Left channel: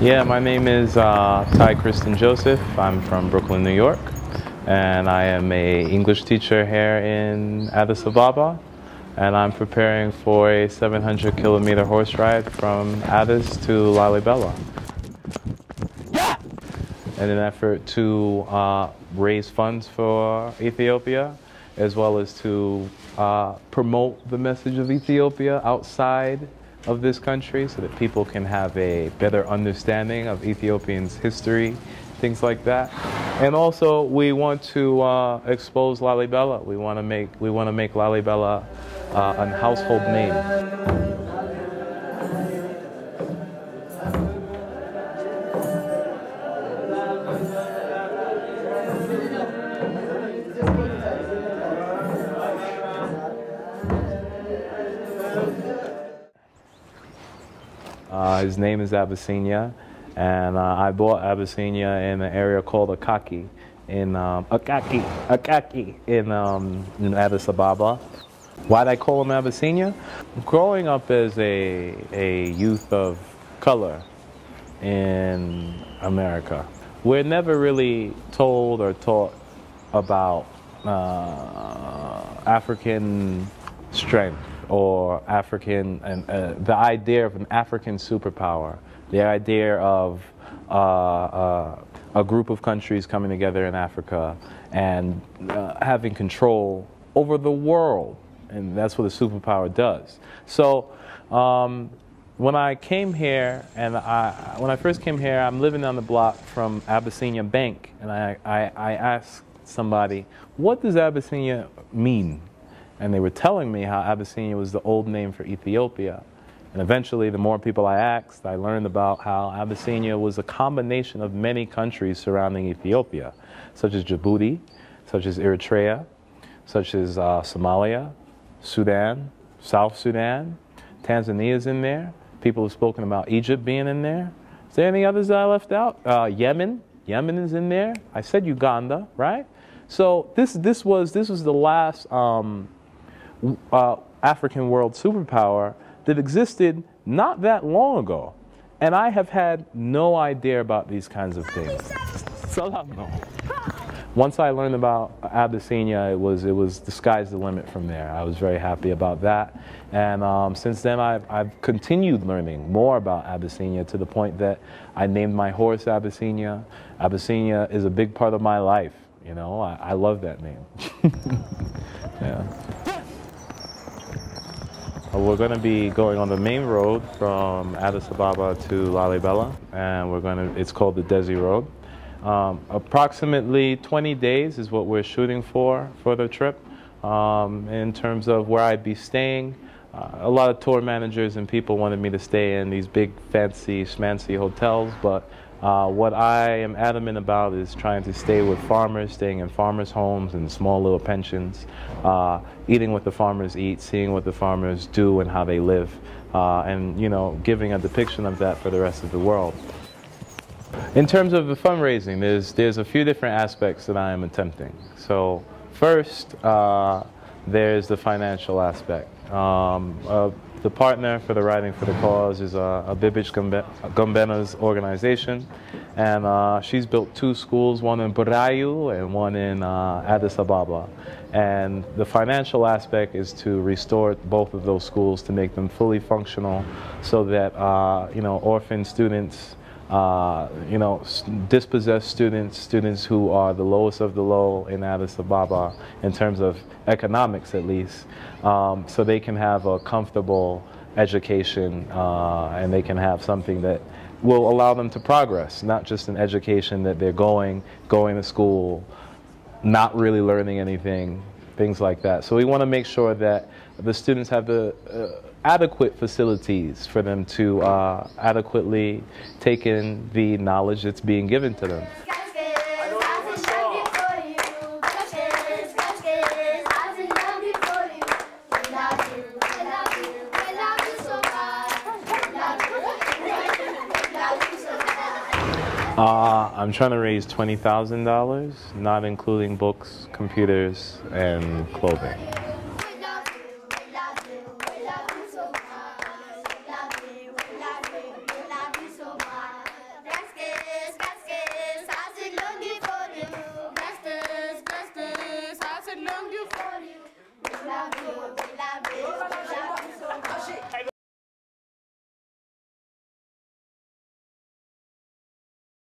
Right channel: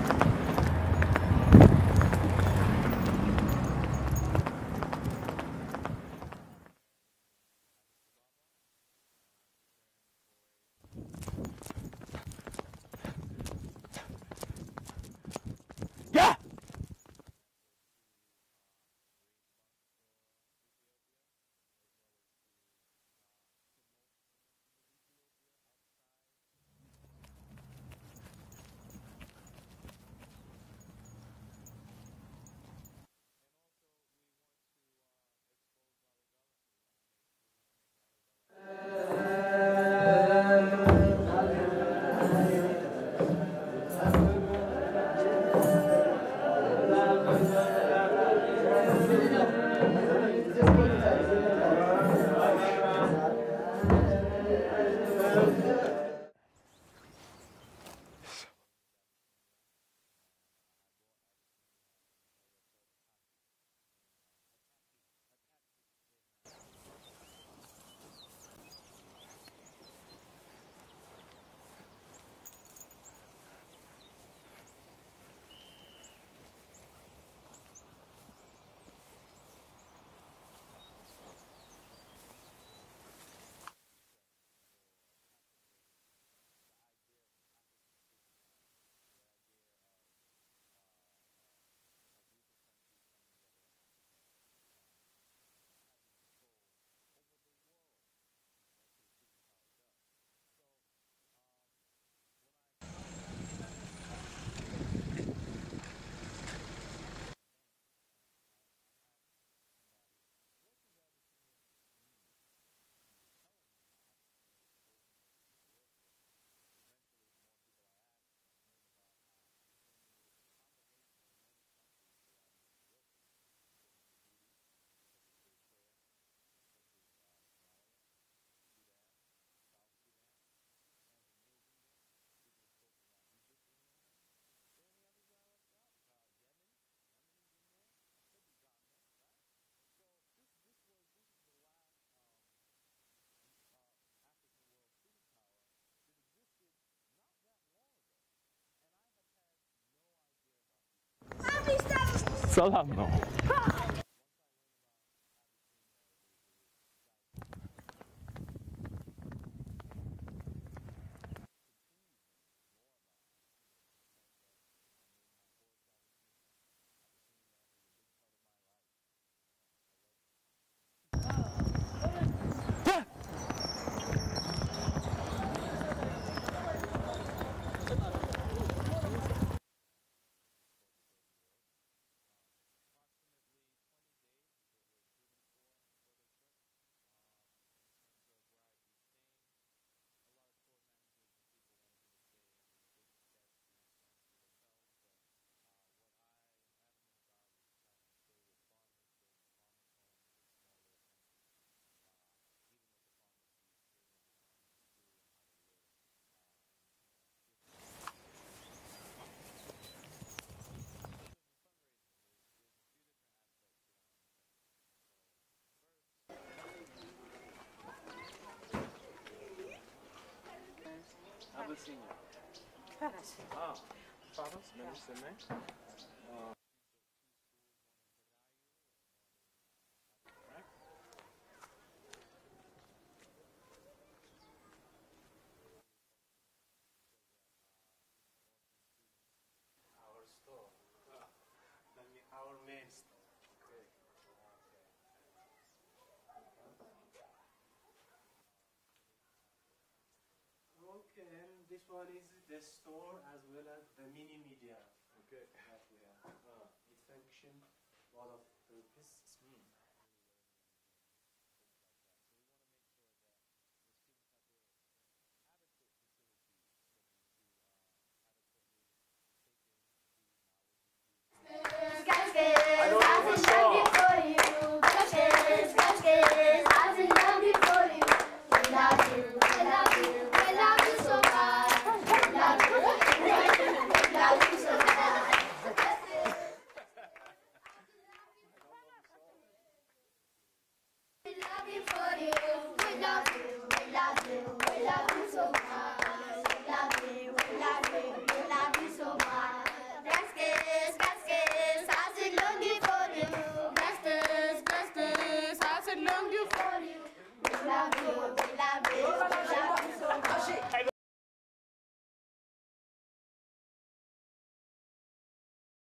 Yeah, my name is Christen Joseph. I'm from Brooklyn, New York, and I am a English teacher here in Addis Ababa, and I'm preparing for a 700-kilometer horse ride from Addis to Lalibela. Yeah! In an effort to raise funds for Ethiopia, as well as to promote the message of Ethiopia outside of this country so that people can have a better understanding of Ethiopians' history, things like that. And also, we want to expose Lalibela. We want to make Lalibela a household name. His name is Abyssinia, and I bought Abyssinia in an area called Akaki in Addis Ababa. Why'd I call him Abyssinia? Growing up as a youth of color in America, we're never really told or taught about African strength, or African, and the idea of an African superpower, the idea of a group of countries coming together in Africa and having control over the world, and that's what a superpower does. So when I came here, and when I first came here, I'm living on the block from Abyssinia Bank, and I asked somebody, what does Abyssinia mean? And they were telling me how Abyssinia was the old name for Ethiopia. And eventually, the more people I asked, I learned about how Abyssinia was a combination of many countries surrounding Ethiopia, such as Djibouti, such as Eritrea, such as Somalia, Sudan, South Sudan, Tanzania's in there. People have spoken about Egypt being in there. Is there any others that I left out? Yemen is in there. I said Uganda, right? So this was the last African world superpower that existed not that long ago. And I have had no idea about these kinds of things. Once I learned about Abyssinia, it was the sky's the limit from there. I was very happy about that. And since then, I've continued learning more about Abyssinia to the point that I named my horse Abyssinia. Abyssinia is a big part of my life. You know, I love that name. Yeah. We're going to be going on the main road from Addis Ababa to Lalibela, and it's called the Desi Road. Approximately 20 days is what we're shooting for the trip. In terms of where I'd be staying, a lot of tour managers and people wanted me to stay in these big, fancy, schmancy hotels, but what I am adamant about is trying to stay with farmers, staying in farmers' homes and small little pensions, eating what the farmers eat, seeing what the farmers do and how they live, and, you know, giving a depiction of that for the rest of the world. In terms of the fundraising, there's a few different aspects that I am attempting. So first, there's the financial aspect. The partner for the Riding for the Cause is Abibich Gombena's organization, and she's built 2 schools, one in Burayu and one in Addis Ababa. And the financial aspect is to restore both of those schools to make them fully functional, so that you know, orphan students, you know, dispossessed students who are the lowest of the low in Addis Ababa in terms of economics, at least, so they can have a comfortable education, and they can have something that will allow them to progress, not just an education that they're going to school, not really learning anything, things like that. So we want to make sure that the students have the adequate facilities for them to adequately take in the knowledge that's being given to them. I'm trying to raise $20,000, not including books, computers, and clothing. Jobiraw.